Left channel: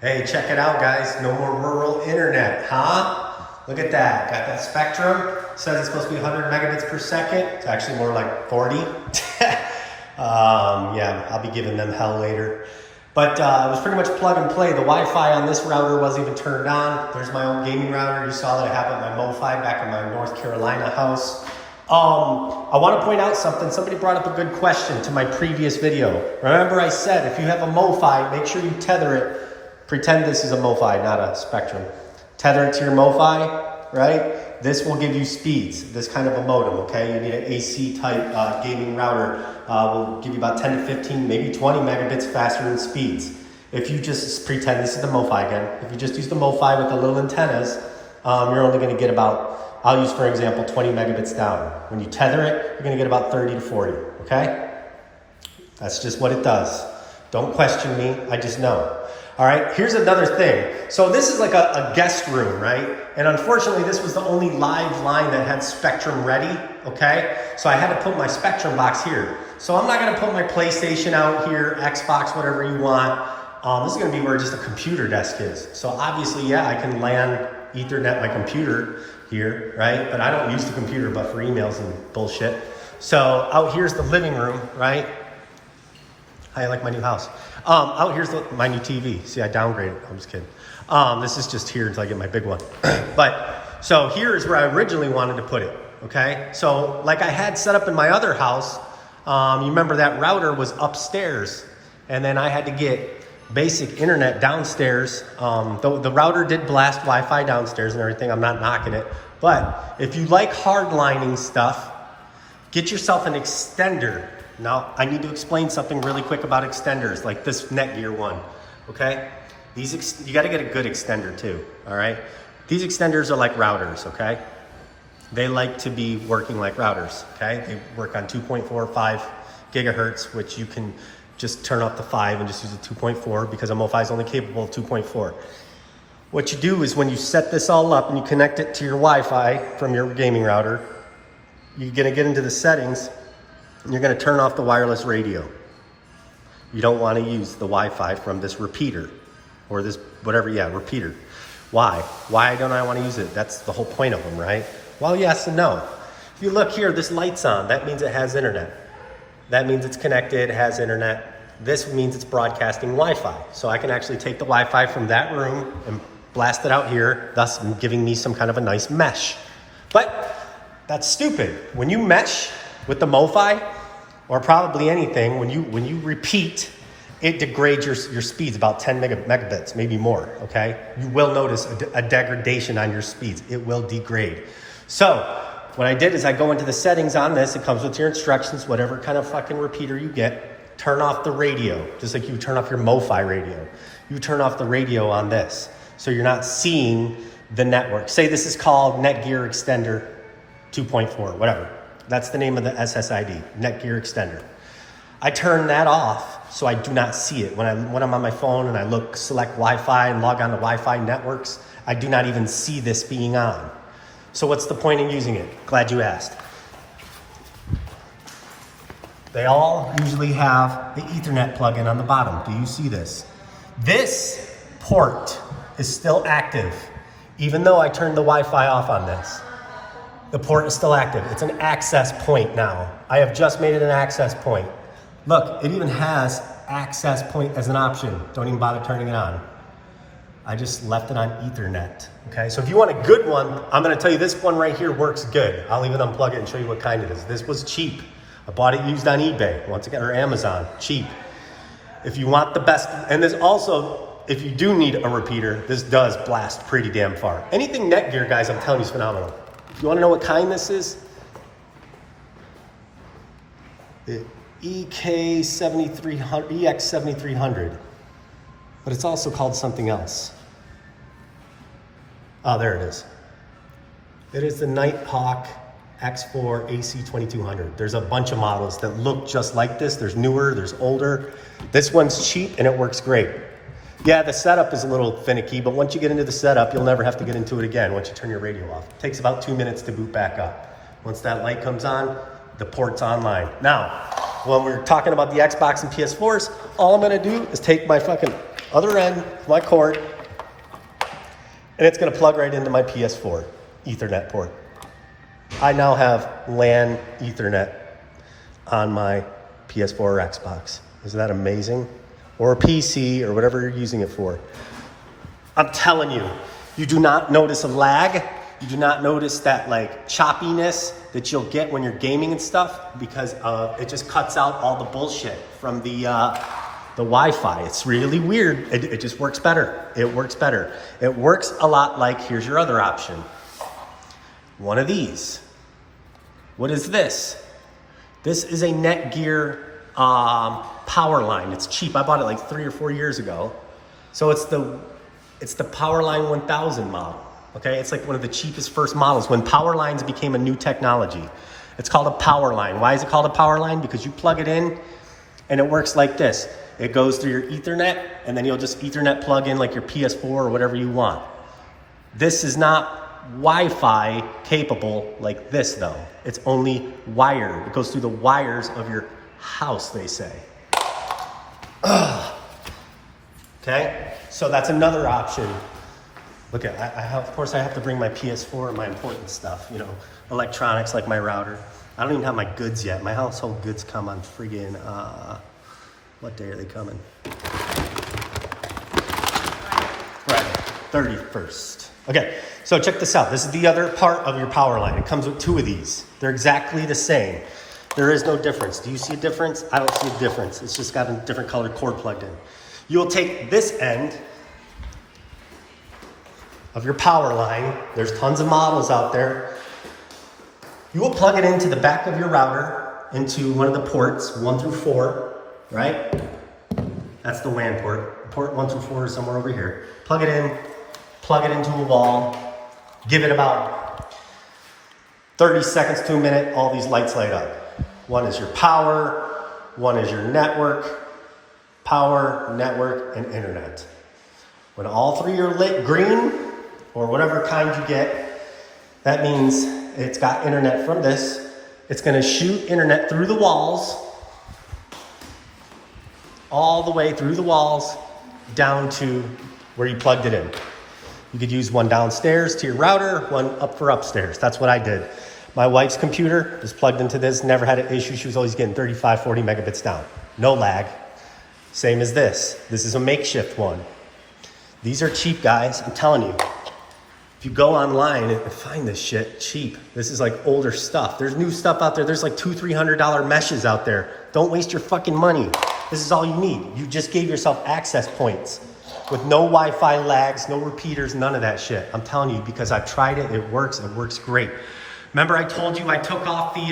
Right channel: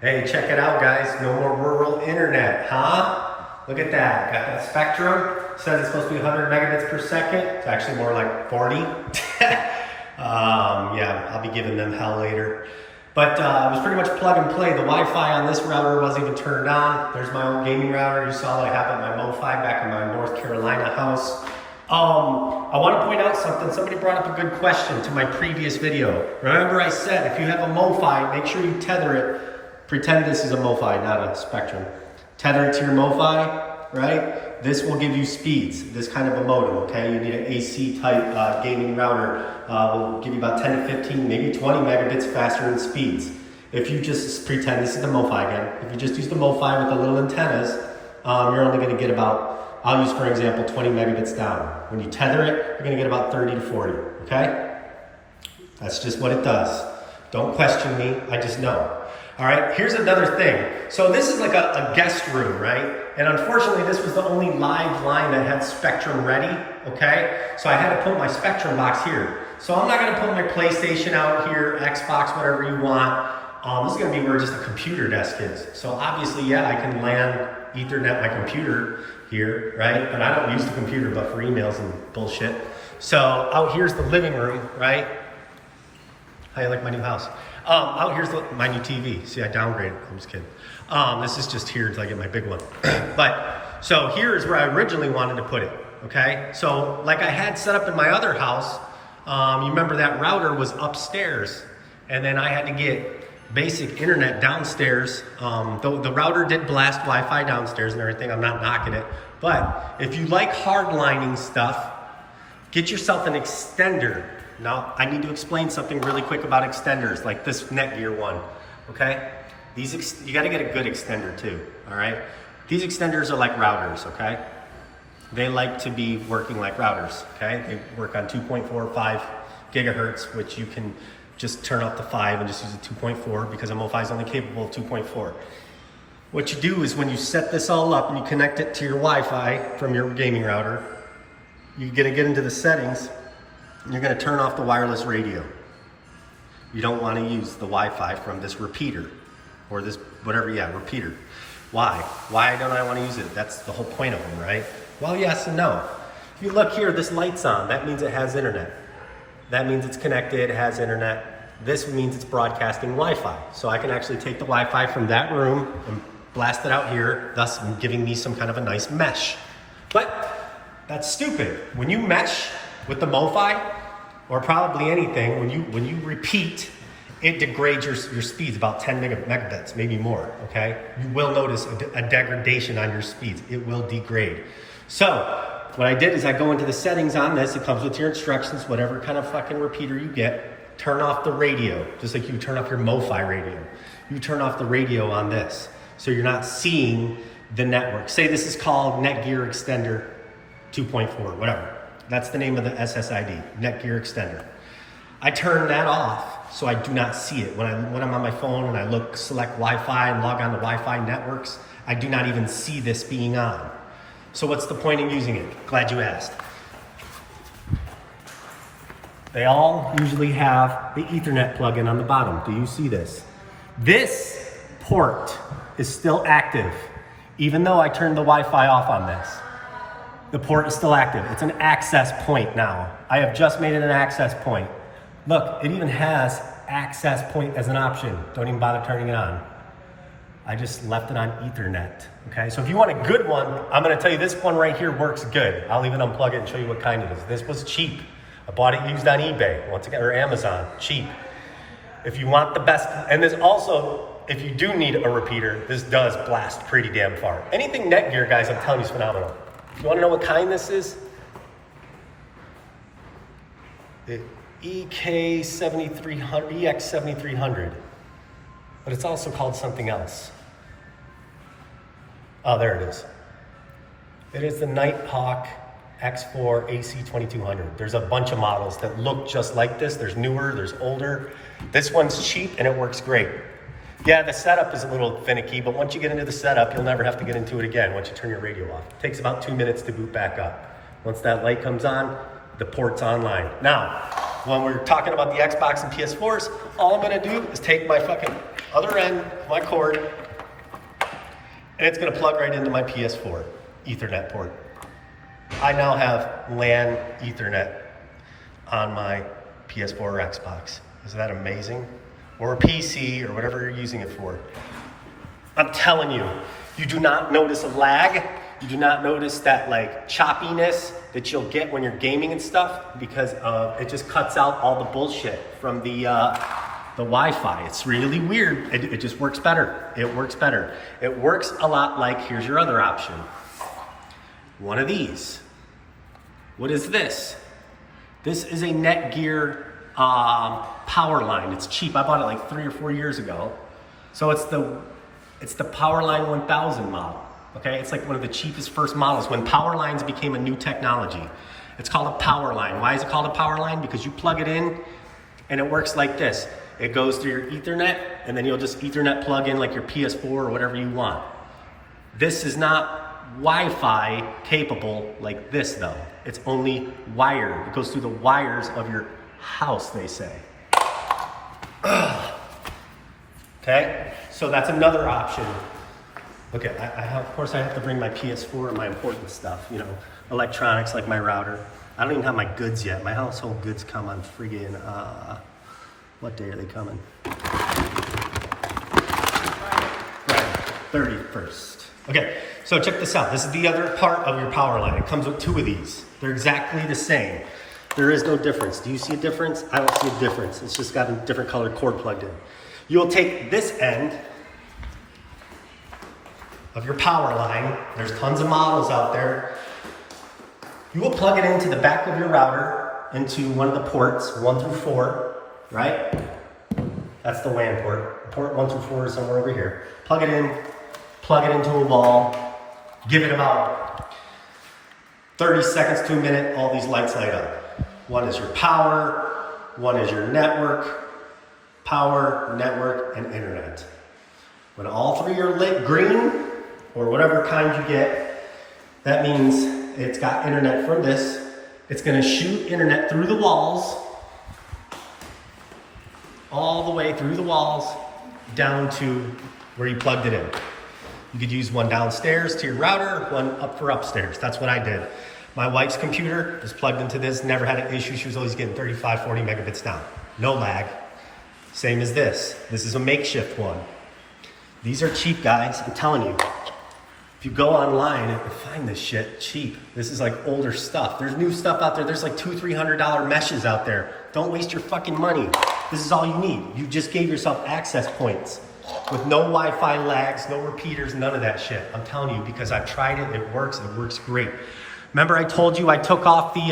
Hey, check it out, guys. No more rural internet, huh? Look at that. Got that Spectrum. Says it's supposed to be 100 megabits per second. It's actually more like 40. Yeah, I'll be giving them hell later. But it was pretty much plug and play. The Wi-Fi on this router wasn't even turned on. There's my own gaming router. You saw that I have at my Mofi back in my North Carolina house. I want to point out something. Somebody brought up a good question to my previous video. Remember I said if you have a Mofi, make sure you tether it. Pretend this is a Mofi, not a Spectrum. Tether it to your Mofi, right? This will give you speeds, this kind of a modem, okay? You need an AC type gaming router. Will give you about 10 to 15, maybe 20 megabits faster in speeds. If you just pretend this is the Mofi again, if you just use the Mofi with the little antennas, you're only gonna get about, I'll use for example, 20 megabits down. When you tether it, you're gonna get about 30 to 40, okay? That's just what it does. Don't question me, I just know. All right, here's another thing. So this is like a guest room, right? And unfortunately, this was the only live line that had Spectrum ready, okay? So I had to put my Spectrum box here. So I'm not gonna put my PlayStation out here, Xbox, whatever you want. This is gonna be where just a computer desk is. So obviously, yeah, I can LAN Ethernet my computer here, right? But I don't use the computer but for emails and bullshit. So out here's the living room, right? How you like my new house? Out here's my new TV. See, I downgraded. I'm just kidding. This is just here until I get my big one. But so here is where I originally wanted to put it. Okay. So like I had set up in my other house, you remember that router was upstairs, and then I had to get basic internet downstairs. The router did blast Wi-Fi downstairs and everything. I'm not knocking it. But if you like hardlining stuff, get yourself an extender. Now, I need to explain something really quick about extenders, like this Netgear one, okay? You gotta get a good extender too, all right? These extenders are like routers, okay? They like to be working like routers, okay? They work on 2.45 gigahertz, which you can just turn off the 5 and just use a 2.4 because a Mofi is only capable of 2.4. What you do is when you set this all up and you connect it to your Wi-Fi from your gaming router, you're gonna get into the settings. You're gonna turn off the wireless radio. You don't wanna use the Wi-Fi from this repeater or this, whatever, yeah, repeater. Why? Why don't I wanna use it? That's the whole point of them, right? Well, yes and no. If you look here, this light's on. That means it has internet. That means it's connected, has internet. This means it's broadcasting Wi-Fi. So I can actually take the Wi-Fi from that room and blast it out here, thus giving me some kind of a nice mesh. But that's stupid. When you mesh with the Mofi, or probably anything, when you repeat, it degrades your speeds about 10 megabits, maybe more, okay? You will notice a degradation on your speeds. It will degrade. So what I did is I go into the settings on this. It comes with your instructions, whatever kind of fucking repeater you get. Turn off the radio, just like you turn off your Mofi radio. You turn off the radio on this, so you're not seeing the network. Say this is called Netgear Extender 2.4, whatever. That's the name of the SSID, Netgear Extender. I turn that off so I do not see it. When I'm on my phone and I select Wi-Fi and log on to Wi-Fi networks, I do not even see this being on. So what's the point in using it? Glad you asked. They all usually have the Ethernet plug-in on the bottom. Do you see this? This port is still active, even though I turned the Wi-Fi off on this. The port is still active. It's an access point now. I have just made it an access point. Look, it even has access point as an option. Don't even bother turning it on. I just left it on Ethernet, okay? So if you want a good one, I'm gonna tell you this one right here works good. I'll even unplug it and show you what kind it is. This was cheap. I bought it used on eBay, once again, or Amazon, cheap. If you want the best, and there's also, if you do need a repeater, this does blast pretty damn far. Anything Netgear, guys, I'm telling you is phenomenal. You want to know what kind this is? The EX7300, but it's also called something else. Oh, there it is. It is the Nighthawk X4 AC2200. There's a bunch of models that look just like this. There's newer, there's older. This one's cheap and it works great. Yeah, the setup is a little finicky, but once you get into the setup, you'll never have to get into it again once you turn your radio off. It takes about 2 minutes to boot back up. Once that light comes on, the port's online. Now, when we're talking about the Xbox and PS4s, all I'm gonna do is take my fucking Other end, my cord, and it's gonna plug right into my PS4 Ethernet port. I now have LAN Ethernet on my PS4 or Xbox. Isn't that amazing? Or a PC or whatever you're using it for. I'm telling you, you do not notice a lag. You do not notice that like choppiness that you'll get when you're gaming and stuff because it just cuts out all the bullshit from the Wi-Fi. It's really weird. It just works better. It works better. It works a lot like, here's your other option. One of these. What is this? This is a Netgear Powerline. It's cheap. I bought it like 3 or 4 years ago. So it's the Powerline 1000 model. Okay, it's like one of the cheapest first models when Powerlines became a new technology. It's called a Powerline. Why is it called a Powerline? Because you plug it in and it works like this. It goes through your Ethernet and then you'll just Ethernet plug in like your PS4 or whatever you want. This is not Wi-Fi capable like this though. It's only wired. It goes through the wires of your house, they say. Okay, so that's another option. Look at, of course I have to bring my PS4 and my important stuff, you know, electronics like my router. I don't even have my goods yet. My household goods come on friggin', what day are they coming? Right, 31st. Okay, so check this out. This is the other part of your power line. It comes with 2 of these. They're exactly the same. There is no difference. Do you see a difference? I don't see a difference. It's just got a different colored cord plugged in. You'll take this end of your power line. There's tons of models out there. You will plug it into the back of your router, into one of the ports, 1 through 4, right? That's the LAN port. Port 1 through 4 is somewhere over here. Plug it in, plug it into a wall, give it about 30 seconds to a minute, all these lights light up. One is your power, one is your network, power, network, and internet. When all 3 are lit green, or whatever kind you get, that means it's got internet from this. It's gonna shoot internet through the walls, all the way through the walls, down to where you plugged it in. You could use one downstairs to your router, one up for upstairs. That's what I did. My wife's computer was plugged into this, never had an issue. She was always getting 35, 40 megabits down. No lag. Same as this. This is a makeshift one. These are cheap, guys, I'm telling you. If you go online and find this shit cheap, this is like older stuff. There's new stuff out there. There's like $200, $300 meshes out there. Don't waste your fucking money. This is all you need. You just gave yourself access points with no Wi-Fi lags, no repeaters, none of that shit. I'm telling you, because I've tried it, it works great. Remember I told you I took off my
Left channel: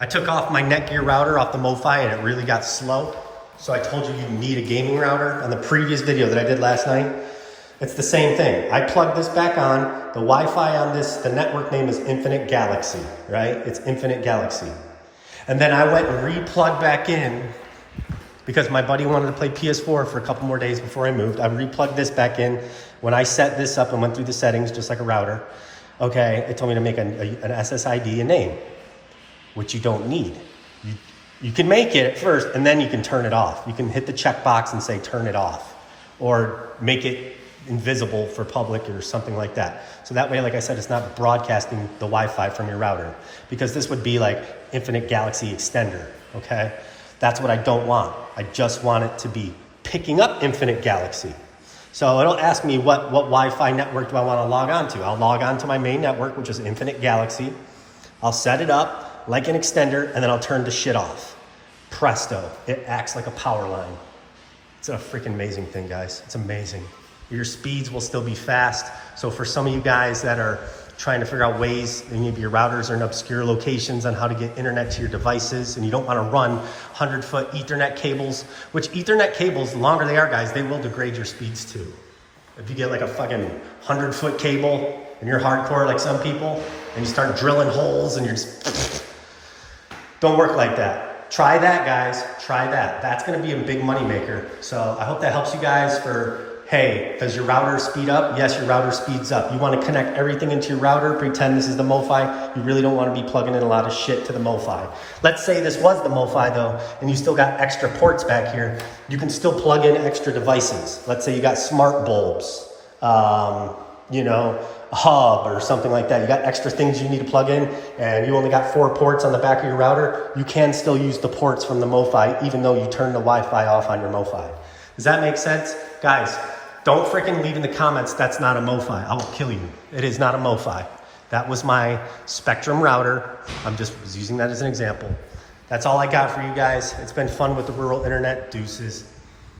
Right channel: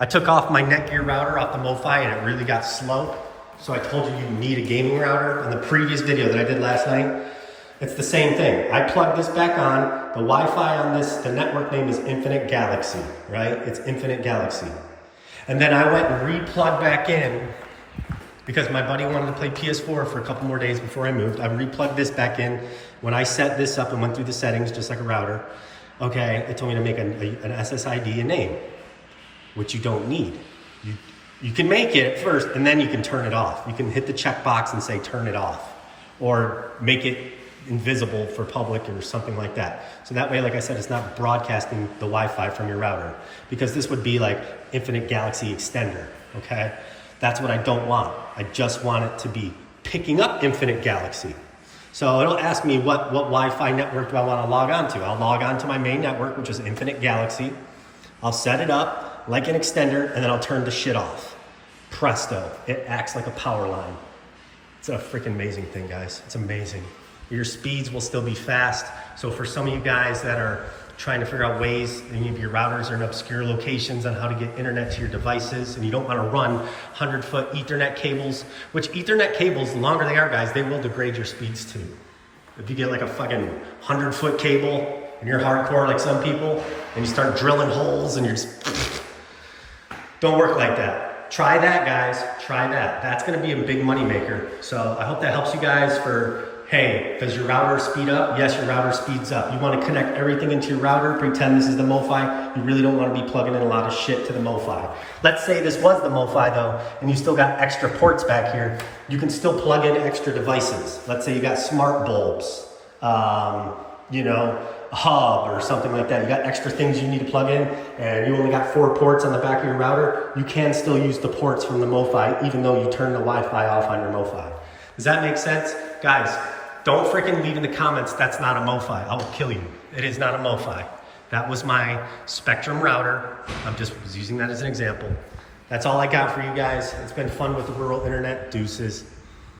Netgear router off the Mofi and it really got slow. So I told you need a gaming router on the previous video that I did last night. It's the same thing. I plugged this back on. The Wi-Fi on this, the network name is Infinite Galaxy, right? It's Infinite Galaxy. And then I went and re-plugged back in because my buddy wanted to play PS4 for a couple more days before I moved. I re-plugged this back in. When I set this up and went through the settings, just like a router, okay, it told me to make an SSID a name, which you don't need. You can make it at first and then you can turn it off. You can hit the checkbox and say turn it off or make it invisible for public or something like that. So that way, like I said, it's not broadcasting the Wi-Fi from your router because this would be like Infinite Galaxy Extender, okay? That's what I don't want. I just want it to be picking up Infinite Galaxy. So it'll ask me what Wi-Fi network do I want to log on to. I'll log on to my main network, which is Infinite Galaxy. I'll set it up like an extender and then I'll turn the shit off. Presto, it acts like a power line. It's a freaking amazing thing, guys. It's amazing. Your speeds will still be fast. So for some of you guys that are trying to figure out ways, maybe your routers are in obscure locations on how to get internet to your devices and you don't want to run 100-foot Ethernet cables, which Ethernet cables, the longer they are, guys, they will degrade your speeds too. If you get like a fucking 100-foot cable and you're hardcore like some people and you start drilling holes and you're just, don't work like that. Try that, guys, try that. That's gonna be a big money maker. So I hope that helps you guys for Hey, does your router speed up? Yes, your router speeds up. You want to connect everything into your router, pretend this is the Mofi. You really don't want to be plugging in a lot of shit to the Mofi. Let's say this was the Mofi though, and you still got extra ports back here. You can still plug in extra devices. Let's say you got smart bulbs, you know, a hub or something like that. You got extra things you need to plug in, and you only got 4 ports on the back of your router. You can still use the ports from the Mofi, even though you turn the Wi-Fi off on your Mofi. Does that make sense? Guys, don't freaking leave in the comments, that's not a Mofi. I will kill you. It is not a Mofi. That was my Spectrum router. I'm just using that as an example. That's all I got for you guys. It's been fun with the rural internet. Deuces.